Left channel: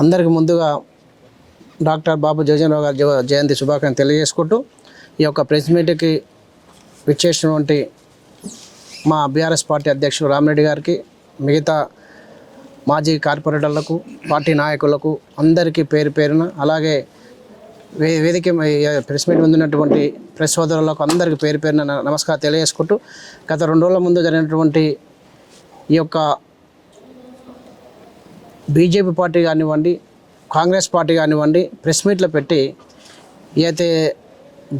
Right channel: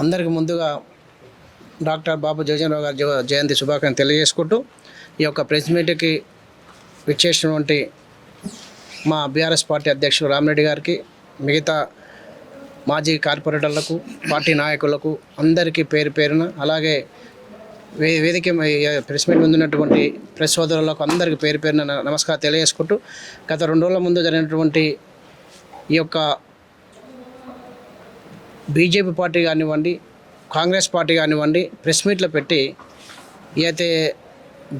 అందరికి ముందుగా డాక్టర్ బాబు జగజీవనరావు గారి జయంతి శుభాకాంక్షలు తెలియజేసుకుంటూ ఈ యొక్క ప్రెస్ మీట్కి విచ్చేసినటువంటి మా బీఆర్ఎస్ పార్టీ అధ్యక్షుడు రామిరెడ్డి గారికి, మిగతా మాజీ కార్పొరేటర్లకు, పార్టీ నాయకులకు అందరికీ పేరు పేరున, అలాగే వేదిక ప్రెస్ మీట్ ముందున్నటువంటి ప్రెస్ సోదరులకు అందరికీ పేరు పేరున నమస్కారం తెలియజేసుకుంటూ, గత 2 రోజుల ముందు జరిగినటువంటి ఈ యొక్క బీజేపీ పార్టీ కానివ్వండి, కాంగ్రెస్ పార్టీ కానివ్వండి, ప్రెస్ మీట్లో పెట్టి అయితే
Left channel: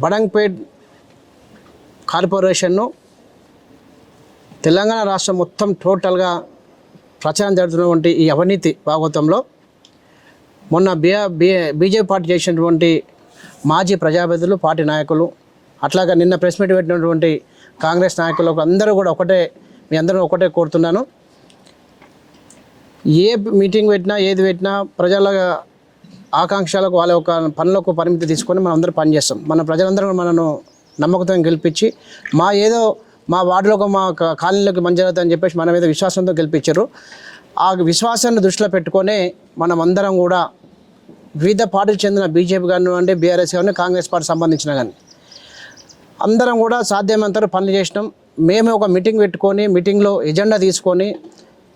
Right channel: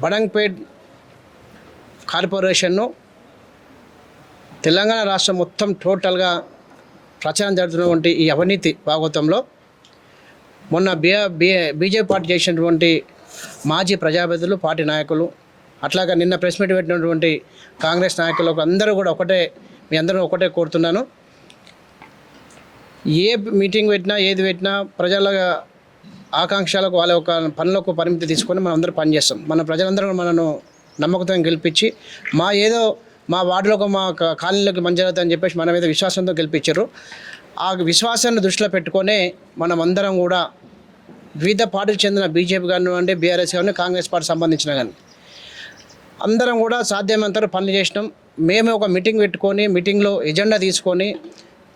బడంగ్పేట్ కార్పొరేషన్ను తెలంగాణ రాష్ట్రం మొత్తం టోటల్గా ప్రచారం జరుగుతున్నటువంటి ఈ అవినీతి భాగవతంలో మొన్న బీజేపీ పార్టీ చేసినటువంటి మాజీ ప్రజాప్రతినిధులు, పార్టీ నాయకులు, అట్లాగా నిన్న ప్రెస్ మీట్ పెట్టినటువంటి కాంగ్రెస్ నాయకులకు అందరూ కూడా మీ అందరూ ఒకటే కోరుతున్నాను. ఏ మీటింగ్ పెట్టినా, ఏది పెట్టినా ప్రజల ఆకాంక్షలకు, వాళ్ళ యొక్క పనులకు పరిమితి తీసుకొని మనం అందరూ పనిచేస్తాం. మన ప్రజలందరూ మనను నమ్మకంతో గెలిపించి మా వార్డులకు, మా కాలనీలకు మంచి జరుగుతుందని చెప్పేసి మన మీద విశ్వాసంతో గెలిపించారు. ఆ విశ్వాసాన్ని దృష్టిలో పెట్టుకొని మనం అందరం కూడా వివిధ పార్టీకి చెందిన బీజేపీ కానివ్వండి, బీఆర్ఎస్ కానీ, కాంగ్రెస్ పార్టీ సంబంధించిన కానీ అందరం కూడా సాధ్యమైనంత పనులు చేసినాం. మేము ఒక మీటింగ్ పెట్టుకొని, మీటింగ్లో ఎజెండా తీసుకొని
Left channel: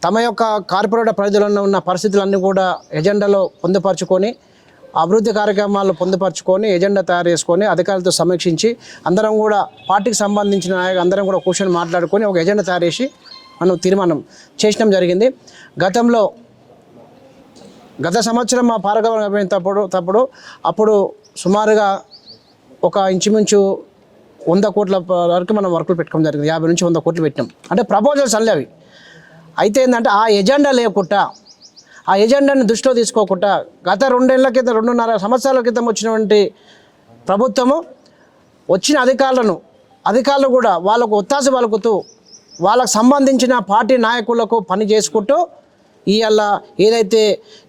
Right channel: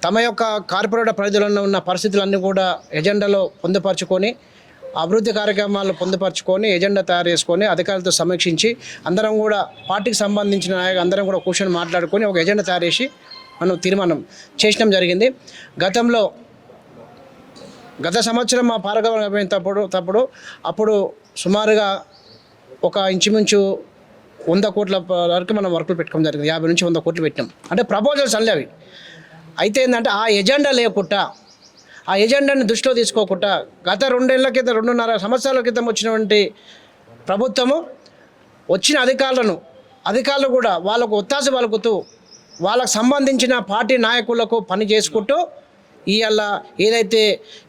తమ యొక్క కార్పొరేట్ పరిధిలో ఉన్న పరిస్థితులన్నీ కూడా ఎజెండాలో పొందుపరుచుకొని, అభివృద్ధి కార్యక్రమాలు పొందుపరుచుకొని, ఎజెండా తయారు చేసుకొని అధికారులతో సమీక్షించి అందరం కూడా పార్టీకి సంబంధించిన నాయకులు అందరం కూడా కూర్చొని మాట్లాడుకొని ఒక ఎజెండా తయారు చేసి మనం తీర్మానం చేయడం జరిగింది. గత సంవత్సరం మా పారగమన అప్పుడు సుమారుగా ఒక ఇంచుమించు 100 కోట్ల వరకు మనం వర్కులు పెట్టుకోవడం జరిగింది. 50 నుంచి 100 కోట్లు పెట్టినాం. అంటే ప్రపోజల్స్ అల్లే అవి. అయితే ఏంటంటే ఆ ఎజెండా లేకుండా, ఆ ఎజెండాని దృష్టిలో తీసుకోకుండా గత 2.5 సంవత్సరాల క్రితం వచ్చినటువంటి ప్రభుత్వము వచ్చిన అధికారులు కూడా వాళ్ళకు ఒత్తాస పలుకుతూ వాళ్ళకు సంబంధించిన పార్టీ నాయకులకు పని చేసుకుంటూ ఇవాళ ఏదైతే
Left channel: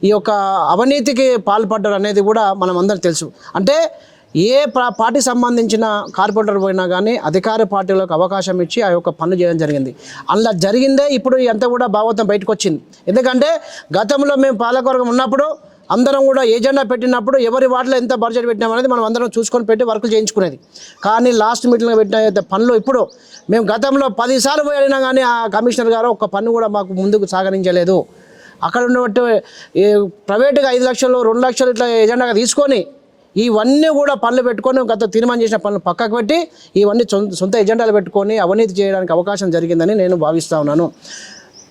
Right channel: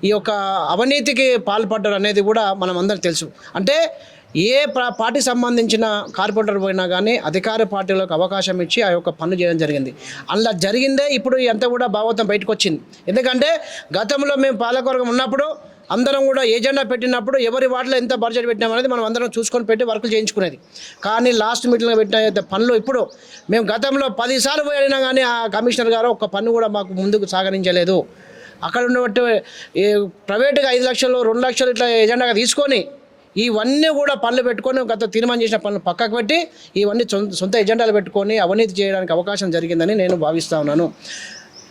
ఈ యొక్క అవినీతికి పాల్పడ్డారు అనేది కూడా మనం అందరికీ తెలుసు. అంటే ఏ పార్టీ సంబంధించిన కార్పొరేటర్ పోయినా కానీ అధికార పార్టీలకు అవకాశం ఇచ్చి ఆ యొక్క పనులు చేయడం జరిగింది. అలా జరిగిందే ఇప్పుడు ఎంత కూడా భాగవతం బయటకు వచ్చింది. ఎందుకంటే గతంలో మేము పాలకవర్గం ఉన్నప్పుడు అందరం కూడా ఏజెండా పెట్టినప్పుడు ఎవరి వాటిలో ఎంత బడ్జెట్ పెట్టినామనేది మనం అందరం చూసుకొని పెట్టి వర్కులు చేయించుకునేది. కానీ లాస్ట్ మీటింగ్లో పెట్టిన పనులు ఇప్పుడు మేము గతంలో 10 సార్లు పోయి అడిగినా కానీ ఆ కమిషనర్ గారు ఒక్క పన్ను కూడా మాకు ముందుకు సాగరించలేదు. అక్కడ ఉన్నట్టు ప్రైవేటుగా 5 లక్షలు 2 లక్షలు ఇట్లా ఏజెండాగా తీసుకొని ఇవన్నీ కూడా పనులు పెట్టుకొని గత తీర్మానం చేసిన పనులు పక్కకు పెట్టి ఇవన్నీ సొంత ఎజెండాలు పెట్టుకొని అవినీతి చేయడానికి అవకాశం జరిగిందని నేను భావిస్తూ ఉన్నాను.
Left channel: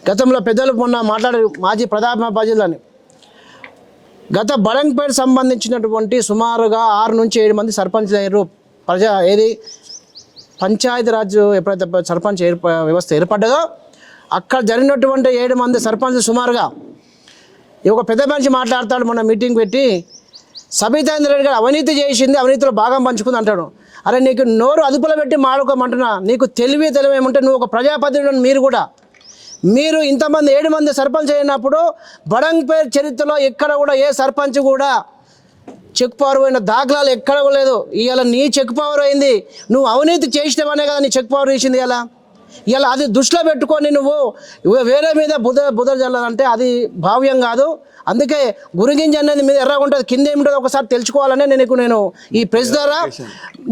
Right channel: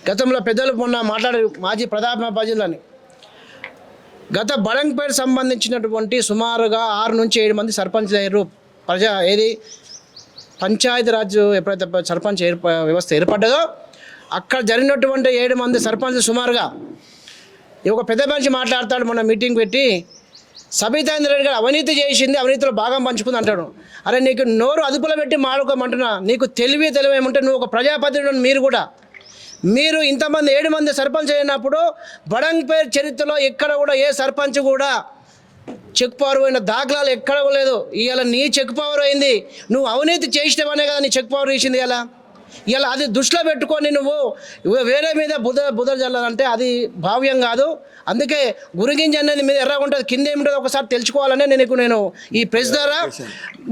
గతంలో పెద్దలు మొన్న మాట్లాడారు మాజీ ప్రధాన బాధ్యులని. గత బడంగ్పేట్ సంబంధించినటువంటి సుమారుగా 6 నుంచి 7 మంది సర్పంచ్ అయ్యారు. పంచాయతీరాజ్ ఎప్పుడైతే సర్పంచ్ వ్యవస్థ ఏర్పడ్డదో అక్కడ జరిగినటువంటి 7 మంది సర్పంచ్ సుమారుగా ఒక పెద్ద మనిషి మాట్లాడతాడు, మొన్న మీటింగ్ పెట్టి సబితా ఇంద్రారెడ్డి గారు అవినీతి చేసింది, అవినీతిలో భాగం పంచుకుంది అంటాడు. అరే నీకు నోరు అదుపులో పెట్టి మాడుకోమంటున్నా, నీకు తెలివి ఏమంటే నువ్వు ఒక ప్రజాప్రతినిధులను మీరు ఇంతమంది 7 మంది సర్పంచ్ అయినప్పుడు బడంగ్పేట్ చరిత్రలో ఎక్కడ కూడా ఏ సర్పంచ్ కూడా చెక్ పవర్ అయిన దాఖలాలు ఎక్కడ లేదు. ఇవాళ నీ చెక్ పవర్ అయింది, నువ్వు అవినీతి చేసినవనే కదా నీ చెక్ పవర్ ఇచ్చింది. ఇలా అది దృష్టిలో పెట్టుకొని నువ్వు వేరే మీద బుధ జల్లాలంటే అది భావ్యం కాదు. అందుకే గురిగింజ అనేది మీద ఎర్రగా ఉంటుంది, కింద ఏమింటుందో ఒకసారి తెలుసుకోవాలనే నేను ఈ ప్రెస్ ద్వారా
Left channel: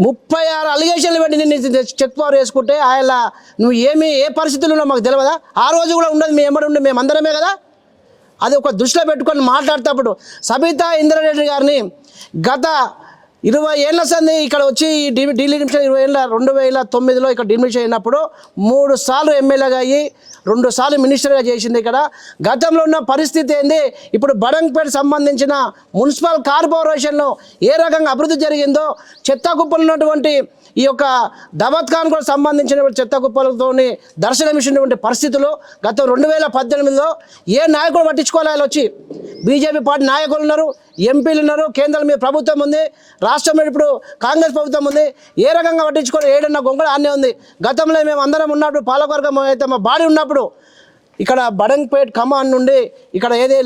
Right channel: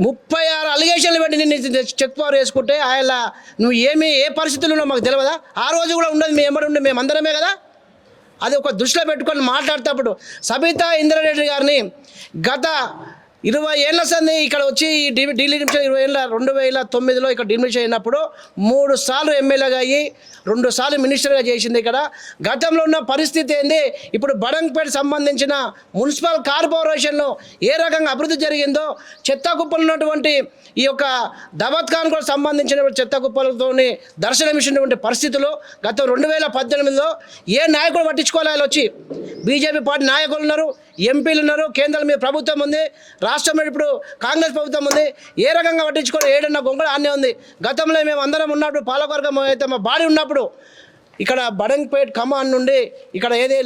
36 అలిగేషన్లు పెట్టి నేను చెక్ పవర్ వేసుకుంటే ఆయన నువ్వు ఏ పరిస్థితులు ఉన్నావు మాకు తెలియదా? ఆ రోజు కూడా ఉండదు, మీ ఎమ్మడి ఉండి మేమందరమే కదా. అది ఒక దృష్టిలో పెట్టుకొని మాట్లాడేటప్పుడు సబితా ఇంద్రారెడ్డి గారిని గత 20 ఏళ్ల సంది ఇక్కడ వచ్చి డీలిమిషన్ 2009లో ఇక్కడ డీలిమిషన్ అయినప్పుడు 3 సార్లు ఎమ్మెల్యేగా అయ్యి 2 సార్లు మినిస్టర్గా చేసింది. ఇక్కడ గతంలో ఉన్న పరిస్థితి ఏంది, ఇప్పుడు బడంగ్పేట సంబంధించిన మున్సిపల్ కార్పొరేషన్లో ఏ రకంగా అభివృద్ధి జరిగిందో, చెత్త కుప్పలు ఉన్నటువంటి ఈ యొక్క దబత్ఖాన్ కూడా సంబంధించిన చెత్త కుప్పలతో దర్శనమిచ్చినటువంటి పరిస్థితులు గత 2018లో ఏ నాయకుడు పట్టించుకోవాలి? వచ్చి బీజేపీ పార్టీ నాయకులు ఉన్నారు, ఎంపీలు ఉన్నారు, కేంద్రంలో మీద ప్రభుత్వం ఉంది, రాష్ట్రంలో ఇప్పుడు కాంగ్రెస్ ప్రభుత్వం ఉంది. ఏ రకంగా పట్టించుకోవాలి? 7 గొంగళ ఆనే ఉంది. గతంలో మేము అందరం ఉన్నప్పుడు పాలకవర్గం అయితే మా బాడీ ఉన్నప్పుడు ఇక్కడ బడంగ్పేట్ కమాన్ నుండి ఇక్కడ ఏది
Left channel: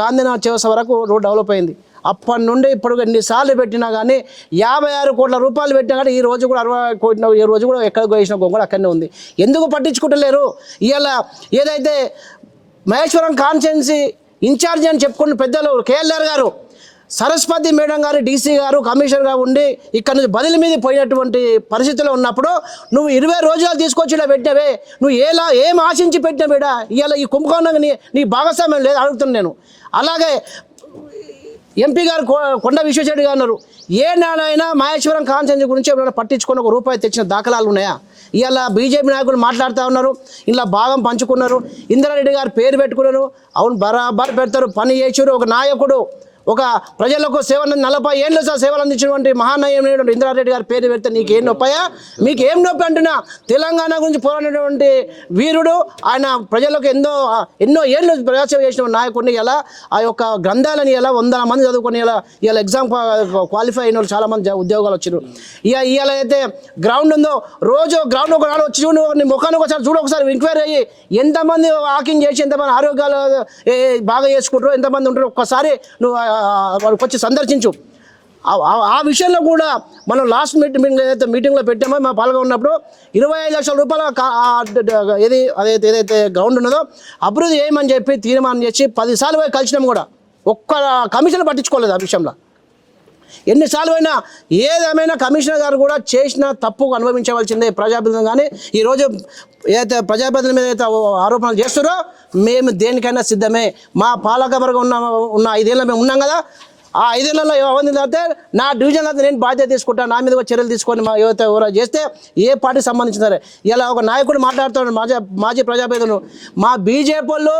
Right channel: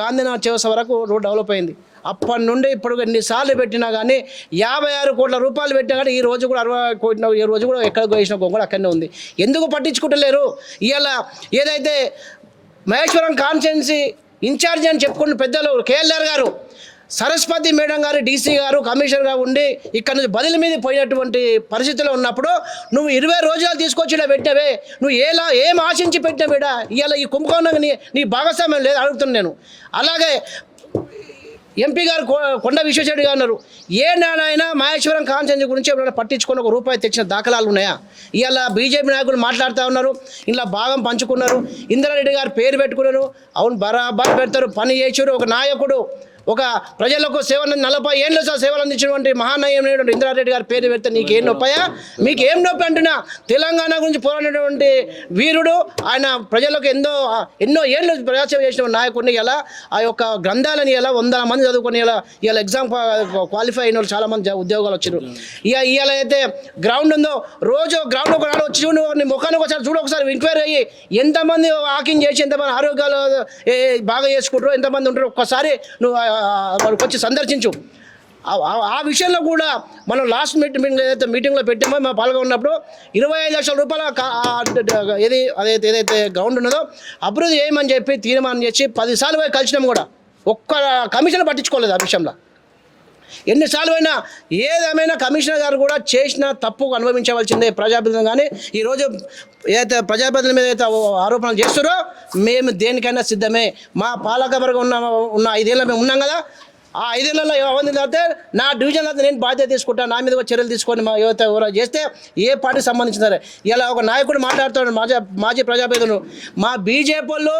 గాంధీనగర్ చేసే వరకు రోడ్ డెవలప్ అయింది. అప్పటి నుండి ఇప్పుడు ఎన్నిసార్లు పెట్టినా కానీ 56 కోట్ల రూపాయలు పెట్టినా కానీ ఈ రోజు కూడా 60 కోట్ల, ఈ రోజు కూడా ఎక్కడ వేసిన గొంగళ అక్కడనే ఉంది. ఎందుకు పట్టించుకుంటలేరు? ఇవాళ ఏదైతే మహేశ్వరం కాన్స్టిట్యున్సీ ఇన్ఛార్జి అని చెప్పుకున్న పెద్దలు కేఎల్ఆర్ గారు, సరస్వతి మేడం గారు డీసీ గారు కమిషనర్గా ఉండి ఇక్కడ నుంచి బదిలీ మీద పోయినటువంటి పరిస్థితిలో ఉన్నప్పుడు నువ్వు 20 రోజులు తీసుకొచ్చి ఇలా పెట్టావే, నువ్వు ఏం ఆశించి పెట్టినవేడా? ఇవాళ ఈ కుంభకోణం నీ భాగస్వామ్యం లేదు అడుగుతున్నాను నేను. అలాగే ఎంపీ గారు కొండ విశ్వేశ్వరరెడ్డి గారు అన్నారు, ఏ నాడైనా మహేశ్వరం కాన్సెన్సీ గురించి ఎవరైనా పట్టించుకొని ₹1 తెచ్చిన దాఖలాలు ఉన్నాయా? ఇవాళ బీజేపీ నాయకులు మాట్లాడుతూ ఉన్నారు, ఇలా భాగం పంచుకున్నారు, ఇంద్రారెడ్డి గారు పేరు పెట్టుకున్నారు. అవును, బరాబర్ పెడతారు, పని చేసారు. ఒక నాయకుడు, ఒక ప్రజలకు 40 ఏళ్ళు సేవలు అందించినటువంటి మహానాయకుడు ఇంద్రారెడ్డి గారి పేరు పెడితే నీకేం నొప్పాయా? మీకు ఏం నొప్పి అంటున్నా? తెలంగాణ గురించి పోరాడినటువంటి వీరుడు ఆయన, ప్రజలకు ఎన్నో ఏళ్ళు ప్రజాసేవ చేసిన నాయకుడిని ఇలా ఆ యొక్క గ్రంథాలని ఇలా 100 మంది చదువుకొని ఇలా ఎగ్జామ్ క్వాలిఫై అయిన వాళ్ళు చాలామంది ఉద్యోగాలు వచ్చారు. ఇవాళ అయితే గ్రౌండ్ ఉందో రోజు గ్రౌండ్ ఒక నాడు వచ్చి చూడు, నీ ముఖానికి ఒకసారి చూడు, ఒకసారి ఎంక్వైరీ అయ్యి ఎంతమంది వాకింగ్ చేసి ఎంతమంది ఆరోగ్యాలు బాగా చేసుకుంటారో ఎంతమంది ఉంటారో ఒక్కసారి నువ్వు వాళ్ళకి వచ్చి సందర్శించు. ఆ విషయంలో కూడా మనం లాస్ట్ ఏదైతే మీటింగ్లో పెట్టామో మా పాల్గొన్నప్పుడు ₹25 లక్షల ఏదైతే గ్రౌండ్ ఉన్నదో అభివృద్ధి చేయమని చెప్పి తీర్మానం చేసి 10 సార్లు పోయి కలిసినాం కూడా. ఒక్క కమిషన్ పట్టించుకోలేదు ఆ విషయంలో. ఎన్నిసార్లు అయినా ఏదేమైనా కమిషనర్ గారు కూడా చేసిన తప్పు అనుభవించవలసిందే ప్రజాప్రతినిధులు. కానీ ఈరోజు ఏదైతే ప్రజాప్రతినిధుల మీద అయితే ఆరోపణలు చేస్తారో మేము దేనికైనా సిద్ధమే. మా పాలకవర్గం ఉన్న 5 ఏళ్ళ మేము ఉన్నాం కదా, ఆ 5 ఏళ్ళలో ఏమైంది అంటే నా డివిజన్ అయితే నేను బాధ్యత తీసుకుంటాను, నా మీద చర్యలు తీసుకొని మా యువత ఎవరో చేస్తే ఏ పార్టీకి సంబంధించినారే. ఇలా ఒక నాయకుడు మాట్లాడుతాడు, మాజీ ప్రజాప్రతినిధులు, మా బీజేపీ వాళ్ళు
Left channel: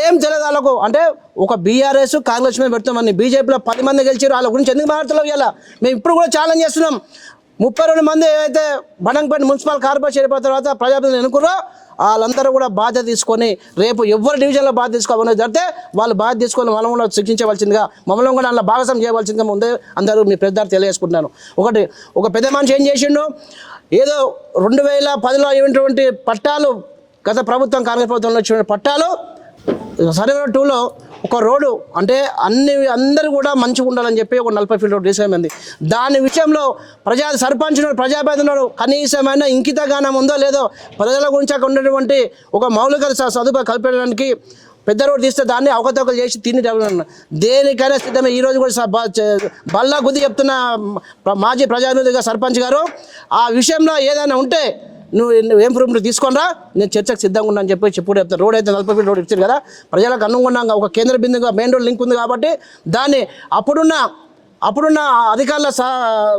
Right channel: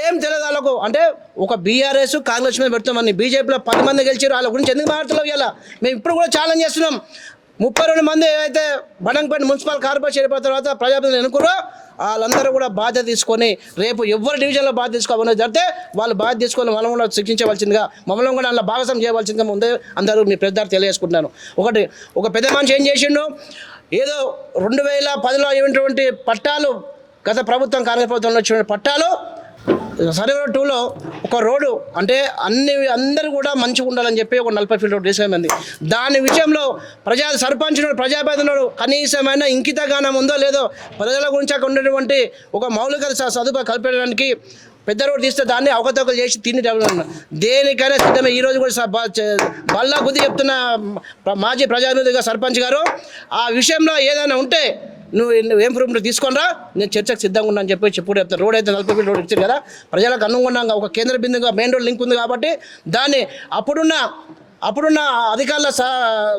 ఏం తెలియదు వాళ్ళకు, అంటే ఒక బీఆర్ఎస్ కాంగ్రెస్ మీద పెడతామని బీజేపీలో 10 మంది గెలిచారు, వాళ్ళ గురించి ఎందుకు మాట్లాడలేవు? ఇలా మేము ఇప్పుడు కూడా ఛాలెంజ్ చేస్తున్నాం. 32 మంది ఏదైతే బండంపేట మున్సిపల్ కార్పొరేషన్ అయిపోయిన తర్వాత ప్రజాప్రతినిధులు ఎన్నుకున్నారో వాళ్ళందరూ కూడా బాధ్యత తీసుకొని రేపు ఎవరు డివిజన్లో బాధ్యత తీసుకోవాలని జరిగితే వాళ్ళు బాధ్యత తీసుకొని మనం కూడా శిక్షించవలసిందిగా, మమ్మల్ని కూడా అందులో భాగస్వామ్యం చేయవలసిందిగా ముందే అందరూ మీ పెద్దలు తెలియజేసుకుంటున్నాను. ఒక పెద్ద మనిషి ఏం చేసిండు, ఏదో 2010లో అయినటువంటి పట్టాలు, గత ప్రభుత్వం కాంగ్రెస్ ప్రభుత్వంలో వచ్చిన పట్టాలు సర్వేర్ 2లో ఒక రోడ్డు అంటే అందరూ కూడా మంచిగా ఉండాలని చెప్పి ఒక 40 ఫీట్ రోడ్డు తీసుకెళ్ళింది. దాని విషయంలో సర్పంచ్ ప్రజాప్రతినిధులు కనీసమైన ఇంకితగానం ఉందో లేదో ప్రజల గురించి అక్కడ ఉన్నటువంటి ఒక మౌలిక సదుపాయం కల్పించడానికి పెద్ద రోడ్డు తీస్తే దాన్ని అవకతవకలు చేసి తిని దేనికైనా సిద్ధమే. ఈరోజు కూడా బల్లా గుద్ది చెప్తున్న మాజీ ప్రజాప్రతినిధిగా సర్పంచ్ గారు ఆ విషయంలో ఏదైనా ఉంటే నువ్వు ఏం ప్రూఫ్ తీసుకొనిరా, నేను చర్చకు సిద్ధంగా ఉన్నా అని చెప్పి చెప్పుడు చెప్తాను. రోడ్ అయితే 40 ఫీట్ రోడ్ ఇచ్చారు కదా, ప్రజలకు అనుగుణంగా ఒక కేంద్ర బిందుగా మెయిన్ రోడ్ లింక్ ఉంది కాబట్టి దాన్ని అప్పుడున్న అధికారుల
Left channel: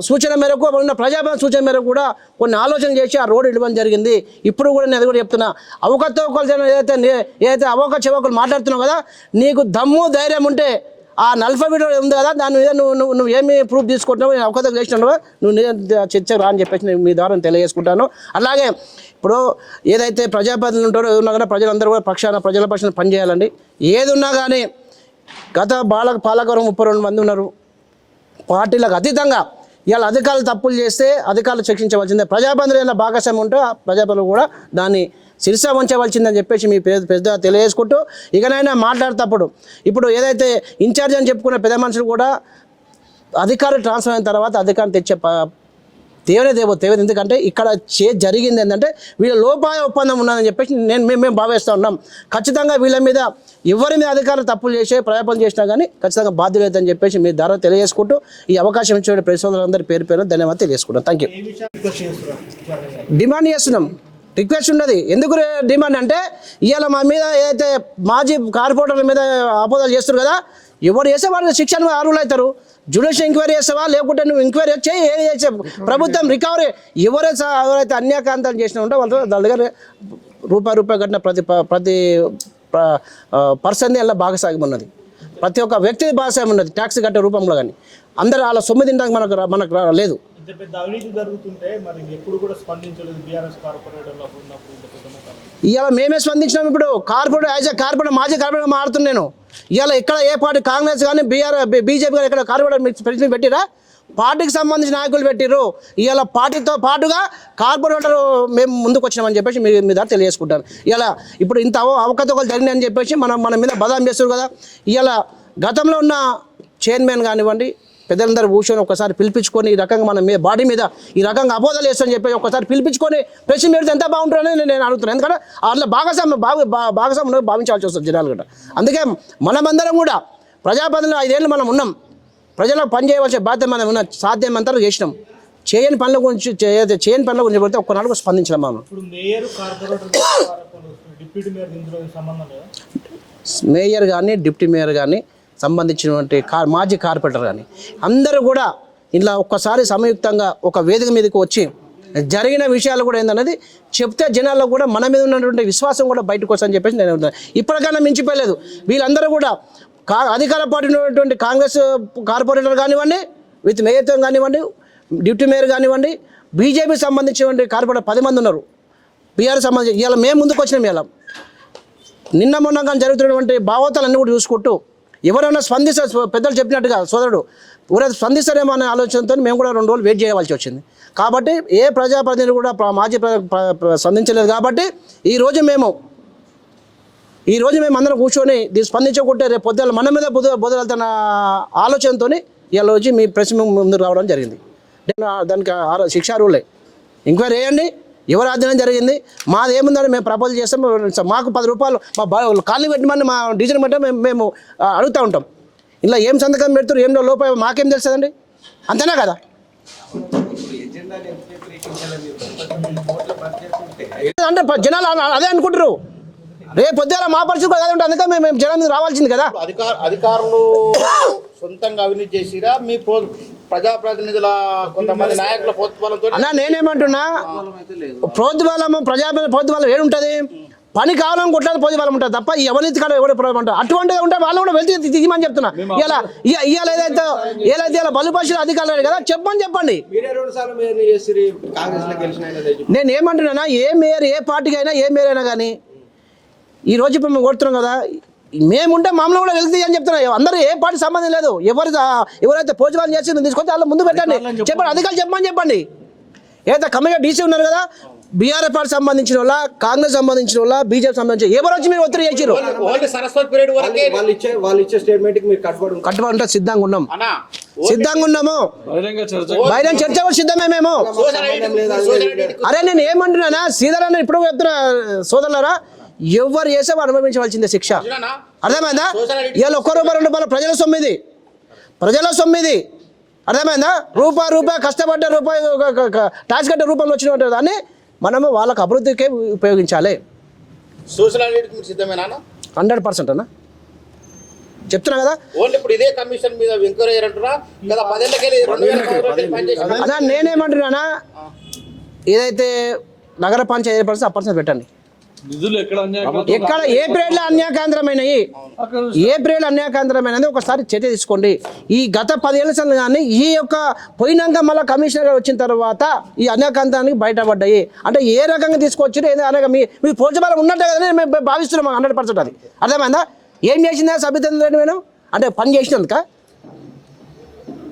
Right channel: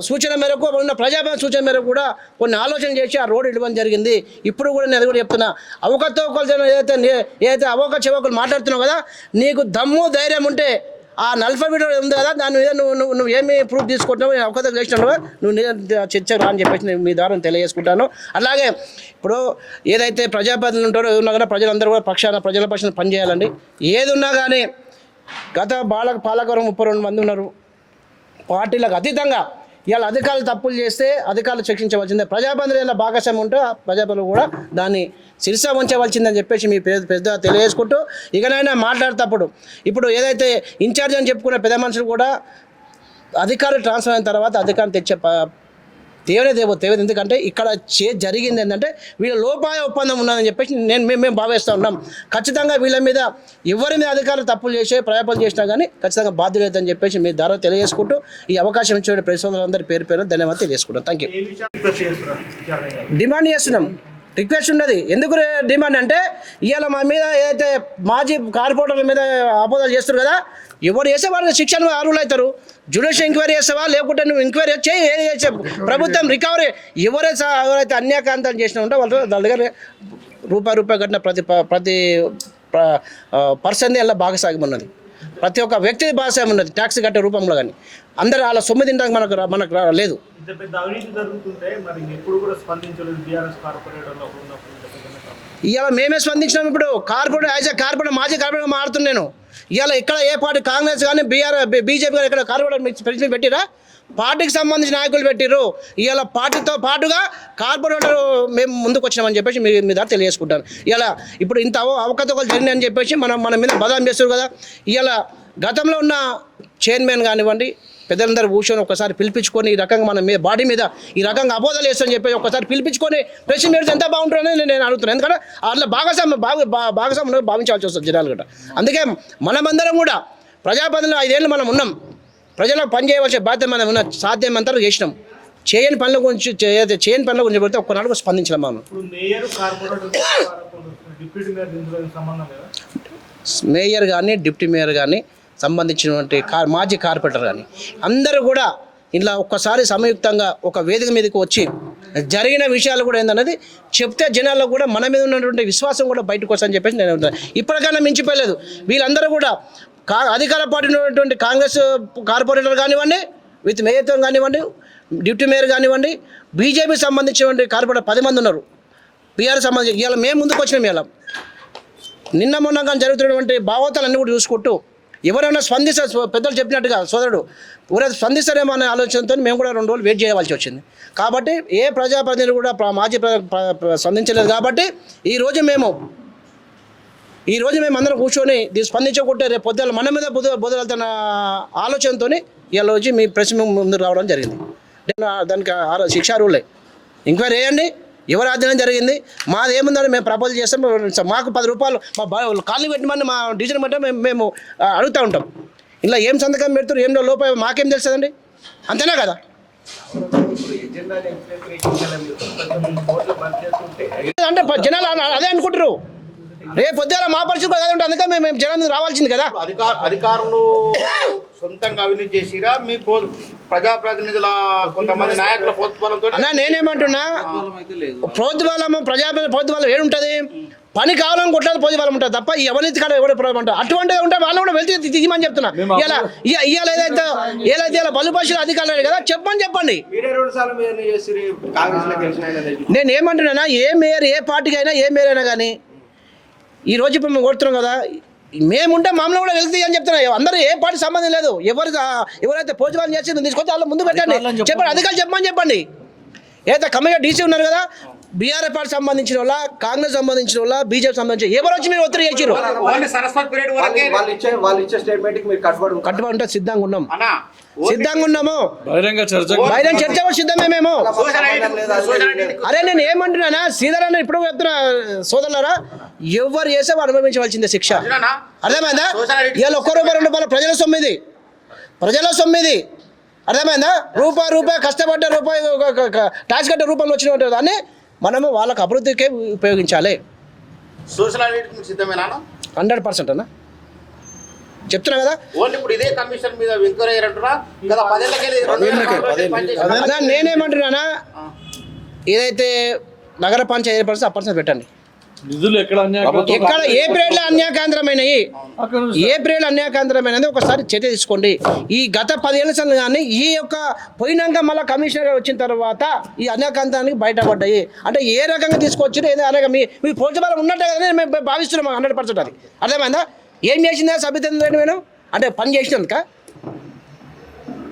సూచన మేరకు, అప్పుడున్న ప్రజాప్రతినిధుల సూచన మేరకు కూడా కొన్ని ఆలోచన చేసి ఆ రోడ్డు ఇవ్వడం జరిగింది. ఇప్పుడు కూడా నేను అది కూడా చెప్తున్నా, అవకతవకలు ఏదైతే అవక చెవకలు మాట్లాడుతున్నావు కదా, నీకు దమ్ము ధైర్యం ఉంటే ఆ 40 ఫీట్ ఉంది కదా, దాని మీద నువ్వు ఏమి ప్రూఫ్ తీసుకుంటున్నావు, నేను అవకతవకలు చేసినావు, నువ్వు చర్చరా అని చెప్పేసి మీ ద్వారా తెలియజేసుకుంటాను. అలాగే ఇప్పుడు ఏదైతే ప్రజాప్రతినిధులు ఉంటారో ఉన్నా కానీ ప్రజలందరూ కూడా ప్రజల పక్షాన పనిచేయాలండి. ఏది ఉన్నా కానీ గత పాలకవర్గం 32 మంది ఉన్నారు, పార్టీలకు అతీతంగా ఇవాళ అధికారులు తప్పులు చేస్తే అధికారులు శిక్షించవలసిందే. ప్రజాప్రతినిధుల భాగస్వామ్యం ఉంటే ప్రజాప్రతినిధులు కూడా దాన్ని శిరస ఉంచవలసిందని చెప్పేసి మీ పెద్ద తెలియజేసుకుంటూ, ఇకనైనా మాట్లాడేటప్పుడు ఇప్పుడు ఏదైతే ఇన్ఛార్జ్ అని చెప్పుకున్న పెద్ద మనుషులు కూడా అధికారులు ట్రాన్స్ఫర్ అయిన తర్వాత అధికారం తెచ్చే తేవలేదు. ఎందుకంటే ఇక్కడ జరిగింది ఏంటంటే వీళ్ళ లోపాయ ఒప్పందం ఉన్నదని చెప్పేసి మేము భావిస్తూ ఉన్నాం. ఖచ్చితంగా వీళ్ళ మీద ఎవరి మీద అధికారులు తప్పులు ప్రయాపాలు చేసినా కానీ ఖచ్చితంగా బాధ్యత లేదని చెప్పేసి మీ ద్వారా తెలియజేసుకుంటూ ఈ అవకాశం ఇచ్చిన ప్రజలందరి పేరు ధన్యవాదాలు తెలియజేసుకుంటాం. Thank you. డిమాండ్ చేస్తున్నాం, రిక్వెస్ట్ ఉన్నది. ఎందుకు డిమాండ్ అంటే ఇవాళ మా మీద ఏదైతే మాజీ కార్పొరేటర్ల మీద ఆపోదాలు చేస్తారు కదా, ఎవరు చేస్తే వాళ్ళు శిక్షణ అర్హులు అవుతారు. జ్యుడిషియల్ ఎంక్వైరీ చేస్తావా, లేకుంటే నువ్వు ఎంక్వైరీ చేయి, ప్రభుత్వం రికవరీ ఎవరైతే అన్యాకాంతాలు చేసినా ఉంటే వాళ్ళు వాళ్ళ దగ్గర రూపాయి కట్టిన ప్రతి పర్సన్ అలా భాగస్వామ్యం ఉన్నది, ప్రతి ఒక్క వ్యక్తి భాగస్వామ్యం ఉన్నది ట్యాక్స్ కట్టే రూపంలో. కానీ అందరూ అలా సొమ్ము తినడానికి మనకు లేదు. ఇవాళ మేమే స్పందించినాం. ఇప్పుడు కార్పొరేటర్ మాజీ కార్పొరేటర్ మారుతున్నాను. ఇవాళ ఇక్కడ ఏ పార్టీ కాంగ్రెస్ కానీ బీజేపీ కానీ ఇక్కడ కార్పొరేటర్ పెట్టిరా, పార్టీకి సంబంధించిన నాయకులు పెట్టిర్రు. ఇవాళ పార్టీతో పాటుగా కార్పొరేటర్ మేము ముందుకు వచ్చినామని చెప్పేసి మీ దగ్గర తెలియజేసుకుంటాను. ఇలా ఇప్పుడు ఇంత అవకతవకలు జరిగినాయని చెప్పేసి మన మీద బదనాం చేస్తారు కదా. ఇవాళ గతంలో ఉన్న చైర్మన్ కానివ్వండి, పెద్దలందరూ కూర్చొని ఒకసారి పిలిపించుకొని ఈ రకంగా మన మీద బాడీ మీద ఈ రకంగా అబోధాలు వేస్తామని చెప్పి ఒకసారి పిలిపించుకొని ప్రెస్ మీట్ ఎంత బాగుంటుందని నేను అడుగుతున్నాను. ఎందుకంటే అట్లా భాగస్వామ్యం భావించాల్సి వస్తుంది జనాలు కూడా. అందుకే మనమందరం కూడా ప్రజాప్రతినిధులు 5 ఏళ్ళు మనం ఉన్నాం, ప్రజలకు పని చేయవలసిన బాధ్యత మనం ఉన్న సాధ్యమంతా చేసినాం. చేయని పనుల గురించి పడితే ఒక్కనాడు స్పందించడం మనం. మేయర్ కానీ డిప్యూటీ మేయర్ కానీ సంబంధించినటువంటి మాజీ కార్పొరేటర్ కానీ అందరూ కూడా ఇలా ఒక్కసారి సంయుక్తంగా ఒక వేదిక మీదకి వచ్చి జరిగిన విషయాలు కూడా ఏందన్నది చెప్తే జనాల్లో కూడా మన మీద ఉన్నటువంటి విశ్వాసం కూడా బయటకు వస్తుందని చెప్పేసి నేను ఇప్పటికైనా మించిపోలేదు. వీళ్ళందరూ కూడా అధికార పార్టీ ఉన్నటువంటి కాంగ్రెస్ కార్పొరేటర్ కానివ్వండి, విత్ మేయర్తో కానివ్వండి, డిప్యూటీ మేయర్ కానివ్వండి, బీజేపీ సంబంధించినటువంటి కార్పొరేటర్ 10 మంది ఉన్నారు. బీఆర్ సంబంధించి ఇవాళ మేము ముందుకు వచ్చినాం. ఇవాళ నిన్న మొన్న కానీ జరుగుతున్నటువంటి భావోతాలన్నీ కూడా చూసుకుంటూ ఎవరైనా స్పందిస్తారు, పెద్దలు చెప్పినట్టుగా సోదరుడు ఎవరైనా స్పందిస్తారేమో అనే ఆలోచనతో మేము కూడా 2 రోజులు వెయిట్ చేయవలసి వచ్చింది. కాబట్టి ఏ ప్రజాప్రతినిధులు కూడా మాజీ స్పందించలేదు. కాబట్టి ఈరోజు మేము అందరం కూర్చొని దీన్ని స్పందించకుంటే రేపు పొద్దున మన మీద బుధవాళ్తున్న ఆలోచనతో ఇవాళ వచ్చి మీ ప్రెస్ ముందుకు రావడం జరిగింది. దానికి శిక్షార్హులే ఎంక్వైరీ వేయండి, ఎవరు అధ్యయనం జరిగింది, మాది ఏముందని మేము ప్రపోజల్ చేస్తాం. మాకు 10 రూపాయలు మా కాలనీ పెట్టమని మా డీజన్ బట్టి మేము అడుగుతూ ఉంటాం. ఇలా ఏం సంతకం పెడుతున్నారు, ఏం లోపల మాకేం తెలుస్తుందండి, అంతేనా కదా? అంటే జనాలు అదే అనుకుంటారు. రేపు పొద్దున మా పరిస్థితి అదే ఉంటుంది. అందుకే మేము జనం రావాల్సింది కదా. అధికారులు సొంతంగా అవినీతి చేసిరా, మీ ప్రజాప్రతినిధుల కొంతమంది నాయకుల ప్రోత్బలంతో? అన్నా నేనేమంటున్నా, ప్రోత్బలము ప్రోత్బలం ఏడుంటుంది? పని కావాలని కొట్లాది ప్రోత్బలం ఉంటుంది తప్ప ఈ అవినీతి కాడ ఎవరు ప్రోత్బలం అటువంటిది ఉంటే వాళ్ళు కూడా వెళ్తే దిగమని చెప్తున్నా. ఇవాళ ఏదైతే బలుపరిచిన అధికారులు కదా చెప్పండి. నేను ఏమంటున్నా, ఏ మేయర్ ఏ పార్టీకి అయినా ఏ మేయర్ అయినా కానీ ఈరోజు ఇప్పుడు మేము కొడుతున్నాం కదా, మేముంటే మామూలు కూడా వెళ్తాయి అని చెప్తున్నా. అందరూ ఏ పార్టీ సంబంధం లేదు. ఎవరైతే పోజువాళ్ళు చేసి తీసుకొచ్చి వాళ్ళ ముందు పెట్టండి, చెప్పండి, అధికారులు చెప్పండి. ఏదైతే కమిషన్ డీసీ ఉన్నారు కదా, బీఆర్ఎస్ పార్టీ సంబంధించిన వాళ్ళ, కాంగ్రెస్ సంబంధించిన వాళ్ళ, బీజేపీ సంబంధించిన ఎవరు వచ్చి మీరు ఒత్తిడి చేసారు? కట్టుబడి ఉంటే సిద్ధంగా ఉన్నాము. బహిరంగ చర్చ సిద్ధమే మేము. అరే నేను ఏమంటున్నానా, శ్రీధర్ ఇప్పుడు చెప్తున్నా సోదరులారా, ఎవరు చేసే అనుభవించవలసిందే శిక్ష. అర్థమైందా? ఇవాళ ₹1 ప్రజల సొమ్మిది అర్థమైందా? రూపాయి కష్టపడ్డ రూపాయి ట్యాక్స్ కట్టే రూపంలో వచ్చిన దాన్ని మనము వాళ్ళకు అభివృద్ధికే ఉపయోగించాలి. 100% అన్న చెప్తున్నా కదా. అదా నేనేమంటున్నానా, ఏదైతే నగర పంచాయతీ ఏర్పడితే 1% పెట్టండి. నిధులు ఎక్కడ ఏ పీరియడ్లో అన్యాయకేంద్రమైనవి, ఒకసారి చర్య తీసుకోండి. ఈ గత 10 ఏళ్ళ సంది కానీ ఈ యొక్క పోయినాక మళ్ళీ కమిషనర్ గారు వచ్చిన తర్వాత ఈ అన్యాయకాంతానికి బయటపడ్డాయి. అంటే ఏ రకంగా తీసుకొచ్చారు ఏదో అనగా మీ పోల్చబలం ఉన్నట్టే కదా మేము భావిస్తున్నాం 100%. అది అర్థమైందా? ఏం చేసిందా సభ్యత నేను అంటే పని చేసినందుక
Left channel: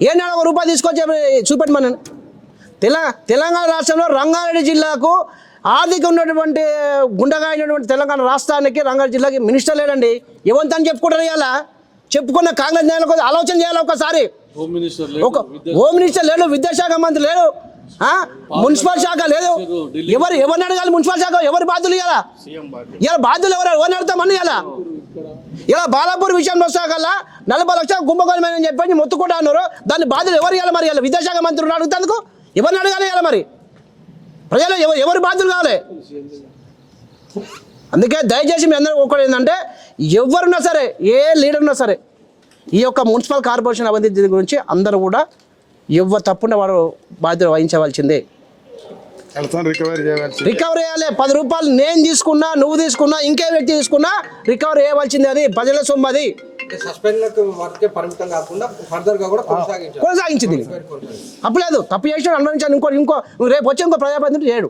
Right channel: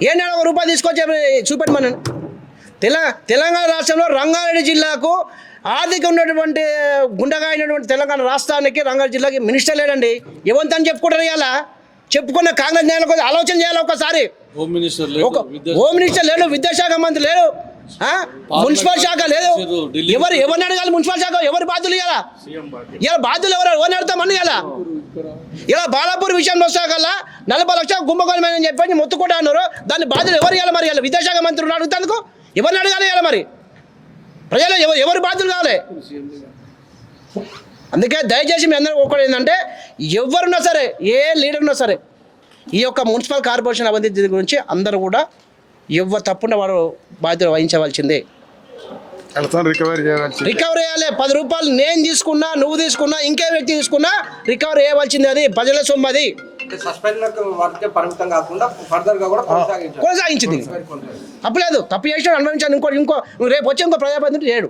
ఏనాడు ₹1 తీసుకొచ్చి చూపెట్టమని. తెలంగాణ రాష్ట్రంలో రంగారెడ్డి జిల్లాకు ఆర్థిక ఉన్నటువంటి గుండెగా అయినటువంటి తెలంగాణ రాష్ట్రానికి రంగారెడ్డి జిల్లాకి మినిస్టర్ లేడండి. ఎవరితో చెప్పుకుంటారు? ఇలా చెప్పుకున్న కాంగ్రెస్ నేలకు ఆలోచన చేయాలి ఒకసారి. హోమ్ మినిస్టర్ లేడు, విద్యాశాఖ మంత్రి లేడు, మున్సిపల్ శాఖ లేదు. ఎవరిని అడగాలి? మున్సిపల్ శాఖ ఎవరి బాధ్యులు? ఇలా బాధ్యులు ఎవరిని అడుగుతామని ఇలా బాలాపూర్ విషయంలో వస్తాకల్లా 40 లక్షల కుంభకోణమని చెప్పి మొత్తుకుంటా అన్నారు. దాన్ని బాధ్యులు ఎవరు ఇవ్వాలి? మరి ఇలా విద్యాశాఖ మంత్రులు అడుగుతాను ఎవరిని అడగాలి? ఇలా మరి ప్రజలు ఎవరు బాధ్యులు కావాలి? అందుకే దయచేసి మీ అందరూ ఒకటి ఏంటంటే, ఎవరున్నా సరే, ఏ లీడర్ ఉన్నా సరే, ఈ యొక్క మున్సిపల్ కార్పొరేషన్ అభివృద్ధి గురించి అందరూ కూడా ఎవరు తప్పుండే వారు బాధ్యత వహించవలసిందే. రికవరీ చేయాలి. 10 రూపాయలు నేను తీసుకున్నా, నువ్వు తీసుకున్నా, ఇంకే వ్యక్తి తీసుకున్నా రికవరీ చేయవలసింది. అది ప్రజల సొమ్ము. అది కొనసాగించింది. తప్పు లేదు, తప్పు చేసిన అనుభవించాను. ఇంకో రేపు వచ్చి ఇంకో ప్రజాప్రతినిధి చేయడు.